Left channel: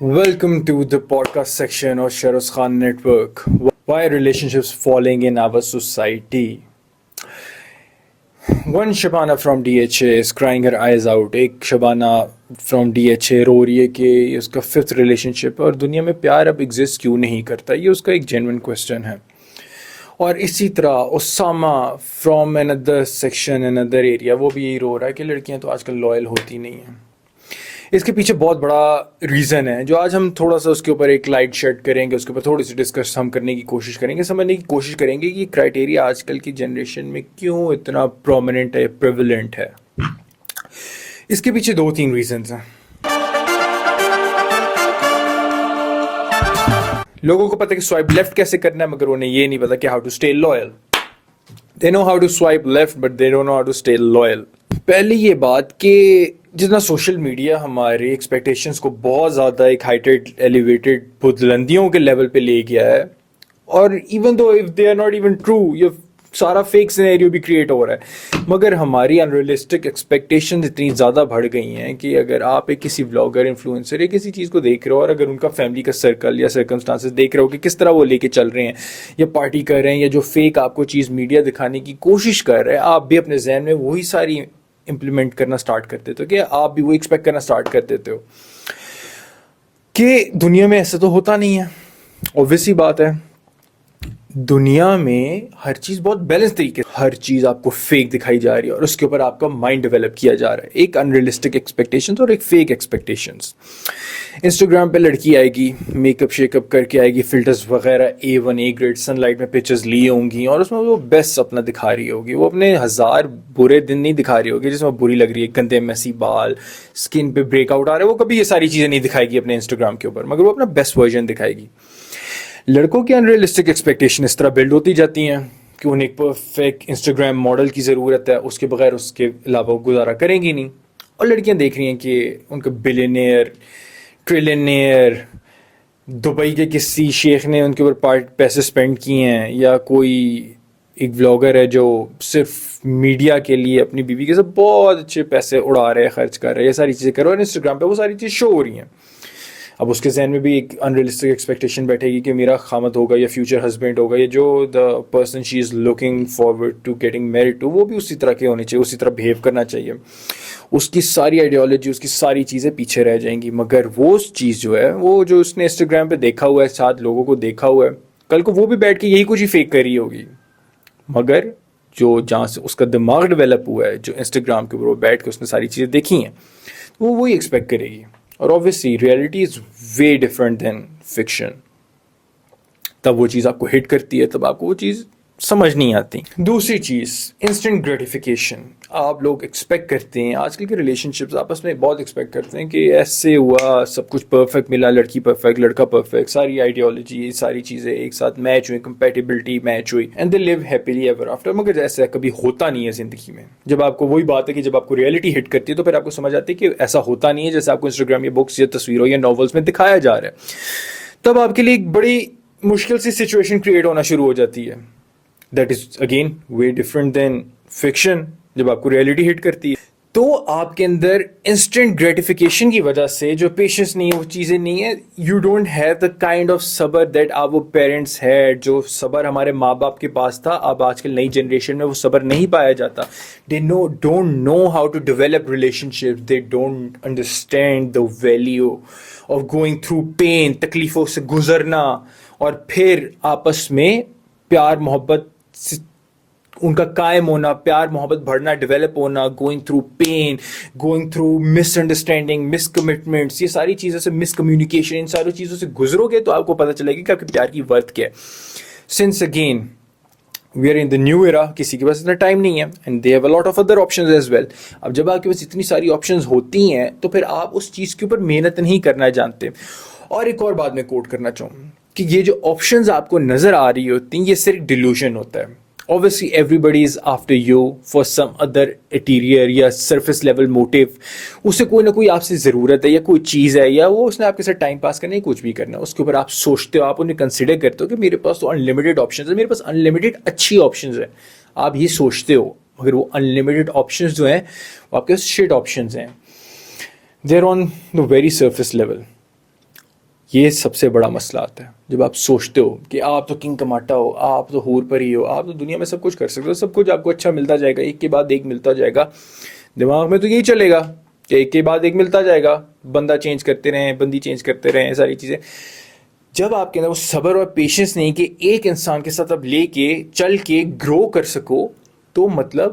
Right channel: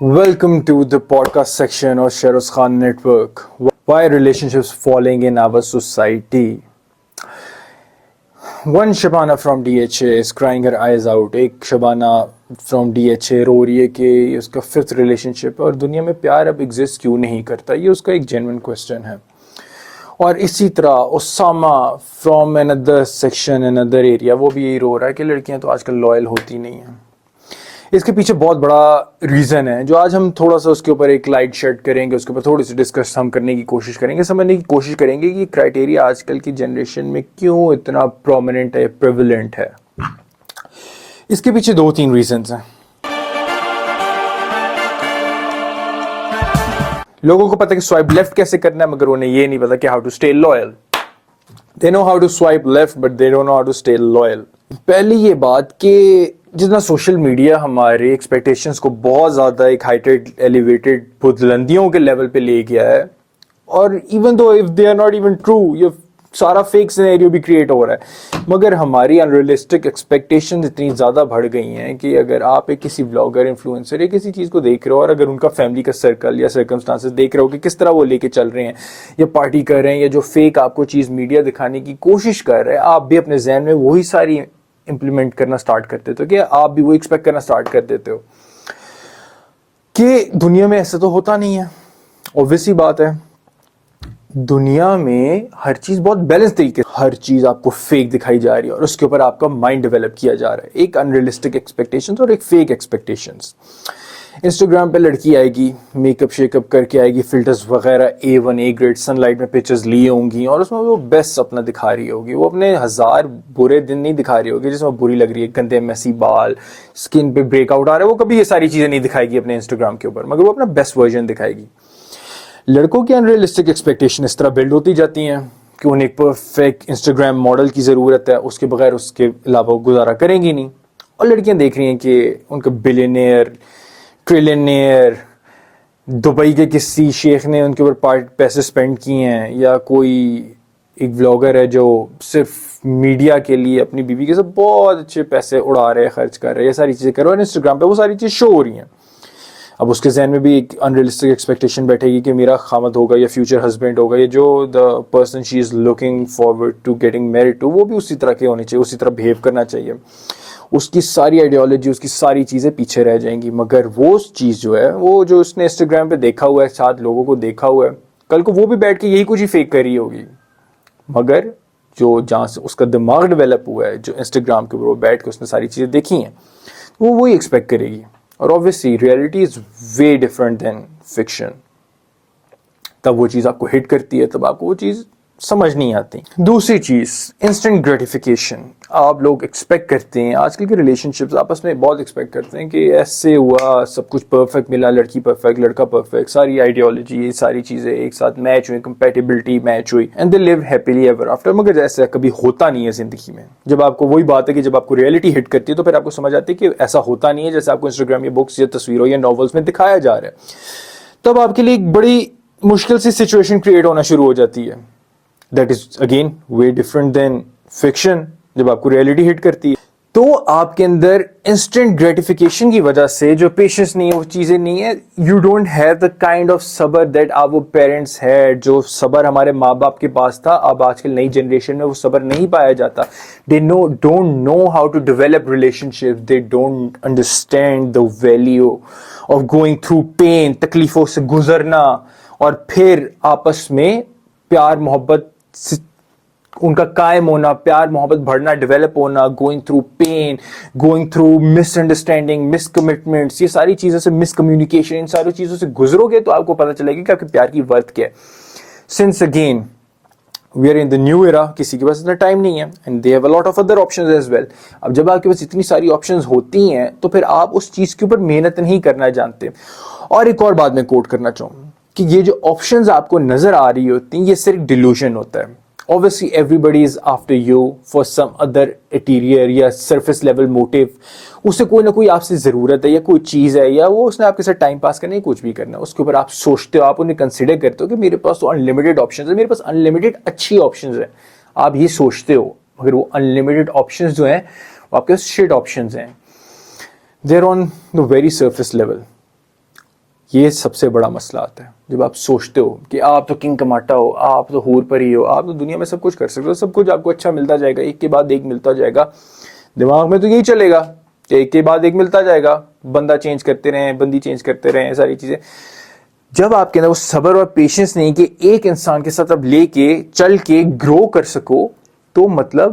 Welcome to the podcast section of Sheroz Khan Network. Why relationships falling in our society? One Shabana from DHA is crying her eyes out. एक Shabana from DHA रो रही है कि उसका fifth relationship है और दुनिया में प्यार अब एग्जिस्ट क्यों नहीं करता. ये उसका एक जेन्युइन क्वेश्चन है. और इसी तरह Usama from another section another area, वो भी यही रो रहा है कि लड़कियां तो आजकल लॉयल होती नहीं हैं. इसके पीछे बहुत बड़ा रीज़न है जो आज हम थोड़ा सा उसके ऊपर एक लाइट शेड करेंगे, उसके ऊपर थोड़ी सी डिस्कस हम करने की कोशिश करेंगे, समझने की कोशिश करेंगे कि क्राइटेरिया आजकल की जनरेशन में क्यों इतना प्रोमिनेंट है, प्रेवलेंट है. इसके पीछे 2-3 रीजंस हैं. लोगों को पता है कि स्वाइप लेफ्ट कैसे करना है, मगर उन्हें ये नहीं पता कि how to stay loyal. They know how to swipe left but they don't know how to stay loyal. पहली ये बात कि जितना सोशल मीडिया हमारे एक्सपेक्टेशंस को बहुत ज़्यादा एक हाइटेड एलिवेटेड बुलंदियों के लेवल पे ले गया है, और even though if they are not even true, ये सारा फेक सिनेरियो भी क्रिएट हो रहा है, मगर हमारी अनरियलिस्टिक एक्सपेक्टेशंस इतनी ज़्यादा बढ़ गई हैं कि अगर आप एक किसी ब्लॉगर, इन्फ्लुएंसर या किसी चीज़ को देख रहे हो और अगर उनका फैमिली का सर्कल या सर्कमस्टांसेस देख रहे हो कि किस तरह वो लेके चल रहे हैं या पार्टी कर रहे हैं या जो फेक आपको चीज़ मीडिया दिखाने की कोशिश कर रहे हैं, आप भी अपने जहन में वही सारी इम्प्लीमेंट करना स्टार्ट कर देते हो कि आप भी वो एक्सपेक्ट करना स्टार्ट कर देते हो कि दुनिया में ऐसा तो होता नहीं है. ऑब्वियस सी बात है, दुनिया में हर चीज बहुत बैलेंस तरीके, हर चीज आपको फेक दिखाई जा रही है और उसके ऊपर आपका माइंड डेवलप किया जा रहा है. एक अनरियलिस्टिक एक्सपेक्टेशंस और एक फेक एक्सपेक्टेशंस. इंस्टाग्राम पे लड़की आएगी, मेकअप शेकअप करके आएगी, फिल्टर्स वगैरह A1 A ग्रेड सनलाइट में पिक्चर्स ली होंगी और उसमें वो बेस्ट अपना दिखा रही होगी. वो अपने 1000 बुरे दिन नहीं दिखा रही होगी जिसमें बुरी लग रही है, गंदे मैसी बाल, स्किन पे ब्रेकआउट आ रहा है. वो कभी ये सारी चीज़ें नहीं दिखाएगी अपने इंस्टाग्राम के ऊपर, मगर वो अपना बेस्ट वर्जन दिखाएगी. लड़कों की अनरियलिस्टिक एक्सपेक्टेशन इस तरह बिल्ड होती जाती हैं कि उन्हें एक परफेक्ट इंस्टाग्राम मॉडल की ज़रूरत है, उसके बगैर उसके अलावा वो गुजारा करेंगी नहीं. और लड़कियां देख रही हैं कि उनका बिलियनियर, ट्रिलियनियर, दुबई के किसी शेख ने उनके ऊपर पैसे स्पेंड किए हैं, या कोई एक व्लॉगर है जो सिर्फ मीडिया के लिए अपनी बीवी के साथ बहुत अच्छे पैसे उड़ा रहे हैं, खर्च कर रहे हैं, ये सारी चीज़ें कर रहे हैं. इंस्टाग्राम पे वो सारी चीज़ शो हो रही हैं. अब उसके जहन में भी एक अनरियलिस्टिक एक्सपेक्टेशन बैठेगी कि मेरा खामद होगा या फ्यूचर हस्बैंड होगा, या जो the person she is looking forward to getting married to, वो भी उसी तरह के होने चाहिए, उसी तरह बिहेव करना चाहिए. उसकी सारी आइडियोलॉजी, उसकी सारी चीज़ें पीछे रह जाएंगी. मगर वो चीज़ जो है, वो जो उसने इंस्टाग्राम पे देखा हुआ है, 7 लोगों को देखा हुआ है, कल को वो भी बैठ के यही कुछ ही फेक कर रही होगी. मगर जो जहाँ से उसका दिमाग डेवलप हुआ है, जो इंस्टाग्राम के ऊपर वो बैठ के उसने सारी चीज़ें देखी हैं, वो वही एक्सपेक्ट करेगी. और obviously reality is way different then fiction. तब वो चीज़ आपको हिट करती है, तब आपको वो चीज़ समझ नहीं आती. दूसरी चीज़, इंस्टेंट ग्रेटिफिकेशन. आप लोग एक्सपेक्ट करते हैं, आजकल के रिलेशनशिप्स आपस में बहुत एक्सपेक्ट करते हैं कि ऐसे हुआ, सब कुछ परफेक्ट मिला, लड़की परफेक्ट, लड़का परफेक्ट, सारी आइडियोलॉजी, ये सारी चीज़ें एक साथ मैच हुई, कंपेटिबिलिटी मैच हुई, and they live happily ever after. मगर ऐसा कभी होता नहीं है ज़िंदगी में. जब आपको वही बात है कि जब आपको रियलिटी हिट करती है तो फिर आपको समझ आती है कि ऐसा होता नहीं है जैसे आपको इंस्टाग्राम या बुक्स या तस्वीरों या नॉवेल्स में दिखाया जा रहा है. तब आपके लिए एक बड़ी मुश्किल सी सिचुएशन क्रिएट होना शुरू हो जाती है. That is again way different then fiction. जब आपको रियलिटी हिट करती है तो आपके अंदर इंस्टेंट ग्रेटिफिकेशन की वजह से जो पेशेंस नहीं है, वो चीज़ें नहीं है. You don't have the kind of सबर दैट आवर पेरेंट्स हैड. जो सबर हमारे माँ बाप के पास था, अब आजकल नई जनरेशन में वो सबर नहीं पाया जाता. They don't know how to develop relationship. They don't understand the value of going through pain, तकलीफों से गुजरना और फिर आपस में प्यार मोहब्बत उनका कायम होना, प्यार मोहब्बत बढ़ना, डेवलप होना, going through pain, going through misunderstanding, miscommitments, ये सारी चीज़ों से, मिसकम्युनिकेशन, इन सारी चीज़ों से गुजरोगे तो आपको पता चलेगा कि आपके प्यार की वर्थ क्या है. Since again we are in the new era, किसी के पास इतना टाइम नहीं है, and they have a lot of other options as well. अब जब आपके पास इतनी सारी ऑप्शंस होती हैं तो फिर आप उस चीज़ के ऊपर मेहनत नहीं करना जानते. और एक और बात मैं कोट करना चाहूँ कि ये जो ऑप्शंस आपको नज़र आ रही होती हैं, ये सिर्फ डिल्यूशन होता है. Obviously, everybody is after you for some other interior या surface level motive. उसे कोई ना कोई आपसे ज़रूरत है या कोई चीज़ है, या वो उसने आपके साथ टाइम पास करना है, कुछ भी करना है, उसके ऊपर आप सोचते हो, आप उन्हें कंसिडर करते हो कि मेरे पास तो अनलिमिटेड ऑप्शंस है, मेरे पास अनलिमिटेड अच्छी ऑप्शंस है. आप ये सोचते हो, मगर वो अनलिमिटेड ऑप्शंस जो हैं वो आपके शिट ऑप्शंस हैं. They're on the very surface level. یہ سب سے بڑا مسئلہ آتا ہے جب آپ سوچتے ہو کہ آپ تو کنگ کماٹا ہو, آپ تو حور پری ہو, آپ تو دنیا میں سب کچھ کر سکتے ہو, سب کچھ آپ کو اچھا ملتا جائے گا, ایک کے بعد ایک ملتا جائے گا. دماغ میں تو یہی چلے گا کہ ایک کے بعد ایک ملتا جائے گا, بندہ چینج کرتے رہیں, بندی چینج کرتے رہیں, ساری چیزیں. جب آپ کے اندر وہ صبر اور پیشنس نہیں کہ ایک انسان کے ساتھ اب لے کے چل کے گرو کر سکو, تو مطلب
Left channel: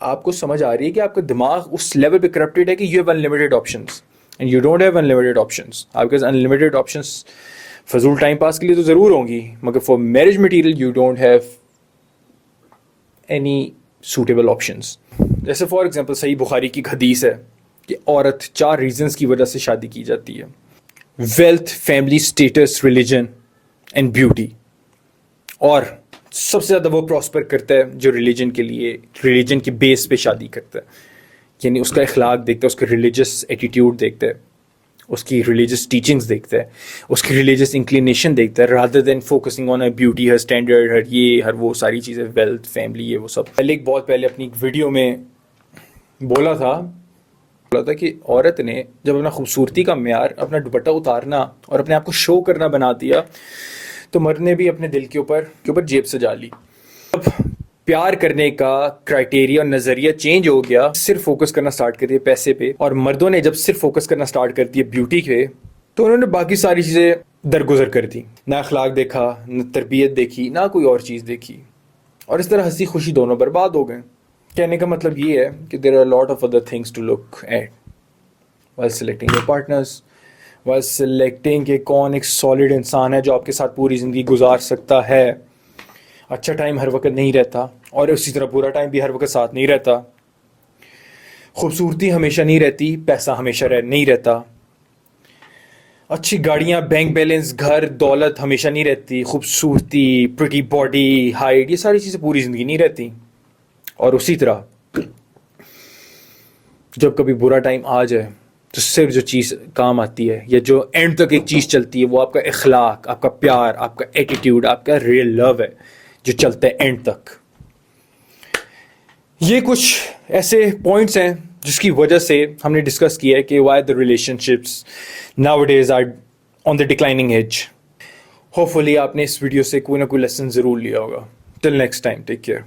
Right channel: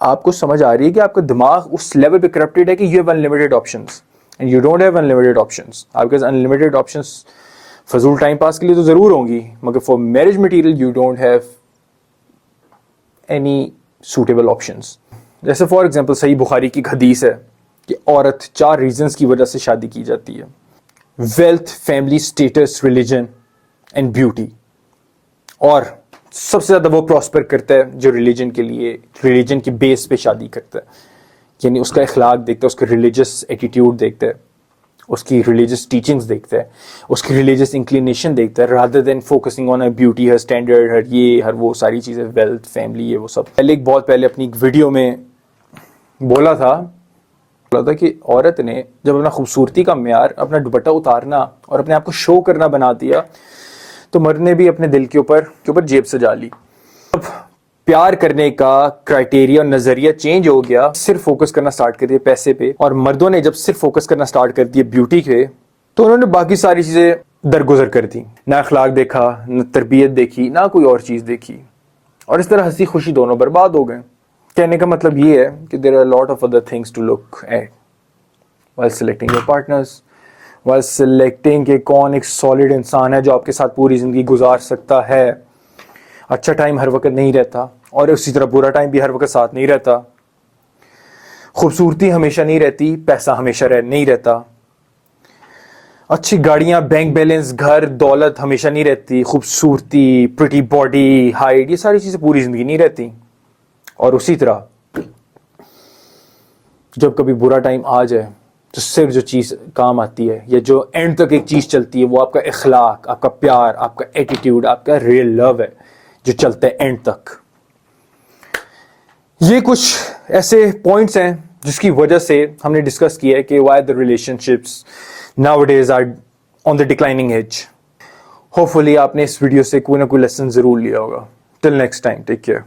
آپ کو سمجھ آ رہی ہے کہ آپ کا دماغ اس لیول پہ کرپٹڈ ہے کہ you have unlimited options and you don't have unlimited options. آپ کے پاس انلمیٹڈ آپشنس فضول ٹائم پاس کے لیے تو ضرور ہوں گی, مگر for marriage material you don't have any suitable options. جیسے فار ایگزامپل صحیح بخاری کی ایک حدیث ہے کہ عورت 4 ریزنس کی وجہ سے شادی کی جاتی ہے: wealth, family status, religion and beauty. اور سب سے زیادہ وہ پراسپر کرتا ہے جو ریلیجن کے لیے, ریلیجن کی بیس پہ شادی کرتا ہے, یعنی اس کا اخلاق دیکھتا ہے, اس کا ریلیجس ایٹیٹیوڈ دیکھتا ہے, اس کی ریلیجس ٹیچنگز دیکھتا ہے, اس کی ریلیجس انکلینیشن دیکھتا ہے, rather than focusing on beauty, ہر اسٹینڈرڈ, ہر یہ ہر وہ ساری چیزیں, ویلتھ, فیملی, یہ وہ سب. بہت پہلے اپنی ایک ویڈیو میں بولا تھا کہ عورت نے جب اپنا خوبصورتی کا معیار اپنا دوپٹہ اتارنا اور اپنے آپ کو شو کرنا بنا دیا, تو مرد نے بھی اپنے دل کے اوپر جیب سجا لی. اب پیار کرنے کا کرائٹیریا اور نظریہ چینج ہو گیا, صرف فوکس کرنا سٹارٹ کر دیا پیسے پہ, اور مردوں نے جب صرف فوکس کرنا سٹارٹ کر دیا بیوٹی پہ, تو انہوں نے باقی ساری چیزیں درگزر کر دی. نہ اخلاق دیکھا, نہ تربیت دیکھی, نہ کوئی اور چیز دیکھی, اور اس طرح ہنسی خوشی دونوں برباد ہو گئے. کہنے کا مطلب یہ ہے کہ there are a lot of other things to look at while selecting your partners, while selecting کہ کون ایک سالڈ انسان ہے جو آپ کے ساتھ پوری زندگی گزار سکتا ہے. اچھا ٹائم ہر وقت نہیں رہتا, اور اسی طرح برا ٹائم بھی ہر وقت ساتھ نہیں رہتا. خوبصورتی ہمیشہ نہیں رہتی, پیسہ ہمیشہ نہیں رہتا. اچھی گاڑیاں, بینک بیلنس, گھر, دولت ہمیشہ نہیں رہتی. خوبصورتی, پریٹی باڈی, ہائٹ, یہ ساری چیزیں پوری زندگی نہیں رہتی. اور اسی طرح جب کبھی برا ٹائم آ جائے تو صرف جو چیز کام آتی ہے, یا جو اینڈ تک ایک چیز چلتی ہے, وہ آپ کا اخلاق, آپ کا پیار, آپ کا ایٹیٹیوڈ, آپ کا ریئل لو ہے جو چلتا ہے اینڈ تک. یہ کچھ ایسے پوائنٹس ہیں جس کی وجہ سے ہم نے ڈسکس کیا ہے کہ why the relationships nowadays are on the declining age. Hopefully آپ نے اس ویڈیو سے کوئی نہ کوئی لیسن ضرور لیا ہوگا. Till next time, take care.